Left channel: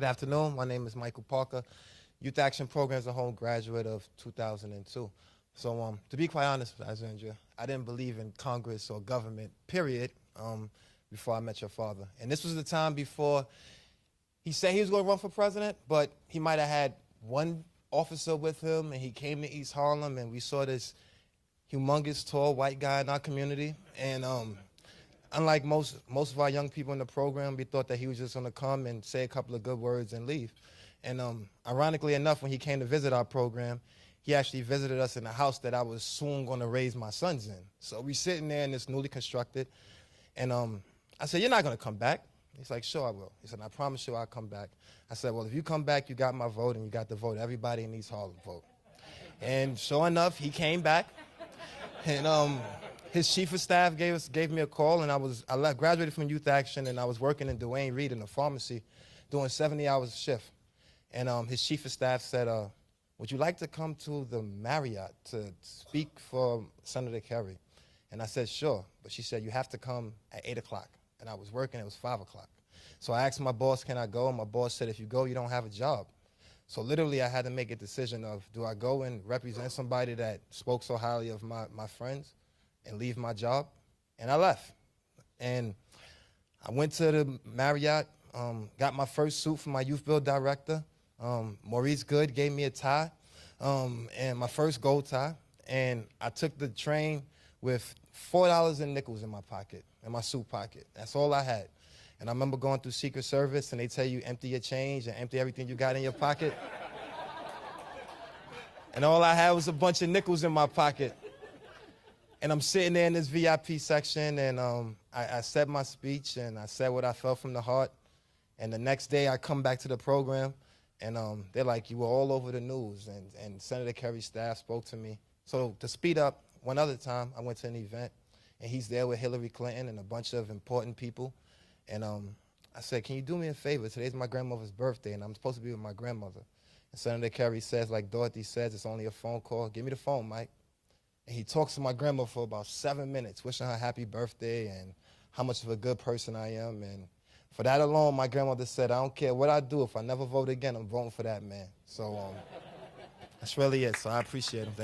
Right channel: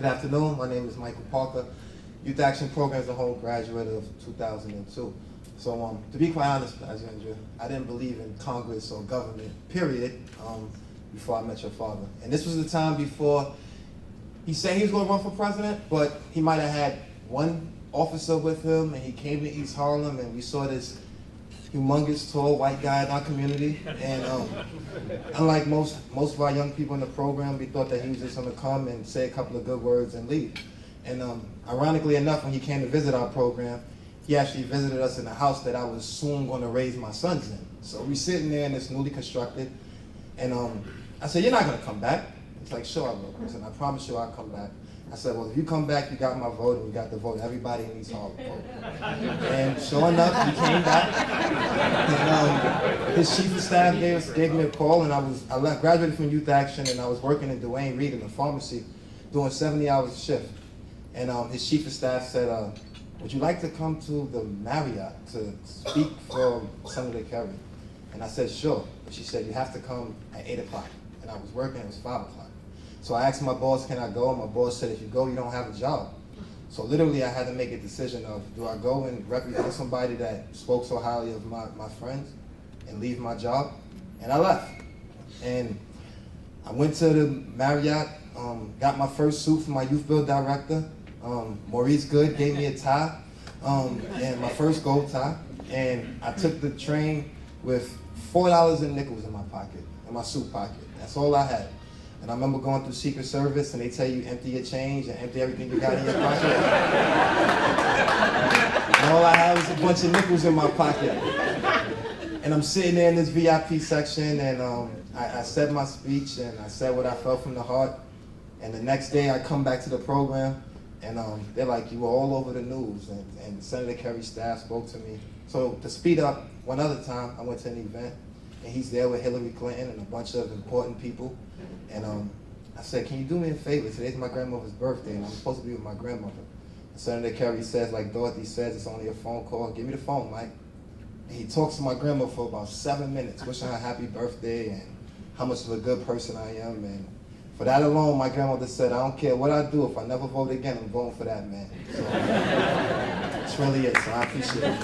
Good afternoon, my name is Michael Parker, Youth Action Program as a whole graduate of 2002. So to be quite honest, Alexandria, I didn't believe in Congress or government, period, before I met your father. And this was the time before he said he was going to run for president, but he might have had one officer with him, and he came to East Harlem, and we saw this humongous, tall, white guy in our community. And unlike most of our young people in the program, we thought that he was just going to come and say a couple of good words and leave. And ironically enough, when he came to visit our program, he actually visited us in a house that I was soon going to raise my sons in. So we're sitting there in this newly constructed, and I said, "You're not going to come back?" He's like, "Sure I will." I said, "I promise you I'll come back." I said, "Well, if you come back, you got my vote, and we got the vote. Everybody in East Harlem vote." And sure enough, he came back. His chief of staff gave me a call, and I graduated from Youth Action, and I was working in Duane Reade in a pharmacy, doing 70 hours a shift. And his chief of staff said, "Would you like to come to the Marriott to speak for Senator Kerry?" And I said, "Sure." But she said, "You have to come at 8 o'clock. And I was working, it was 5 o'clock. So I asked my boss, "Can I go?" And my boss said, "If you go, you don't have a job." So literally I had to make a decision of, do I go and represent somebody that spoke so highly of my friends and leave my job? And I left. And I went to the Marriott, got my first suit from my YouthBuild's director. Maurice Good gave me a tie, and my first gold tie. And I took the train with $4 in nickels in my pocket, in my suit pocket. That's all I had. And I remember going through Secret Service, and they tell you empty your change and empty everything you got in your pocket. And all I had was a bunch of nickels in my pocket. And I'm sitting there in this VIP section, and I said my speech, and I said what I felt from the heart. And the next day I come back to the program, and they're like, "You were all over the news," and Senator Kerry's staff spoke to me. So to speed up, one other time I went to an event, and he's there with Hillary Clinton and a bunch of important people. And I said, "Can you do me a favor? Today's my grandmother's birthday, and I'm supposed to be with my grandmother." And Senator Kerry says, like Dorothy says, "It's only a phone call. Give me the phone, Mike." And he talks to my grandma for about 7 minutes, wishing her a happy birthday and how much of a good person I am. And for that alone, my grandmother said, "I don't care what I do. If I never vote again, I'm voting for that man." So that's really it. So I appreciate it.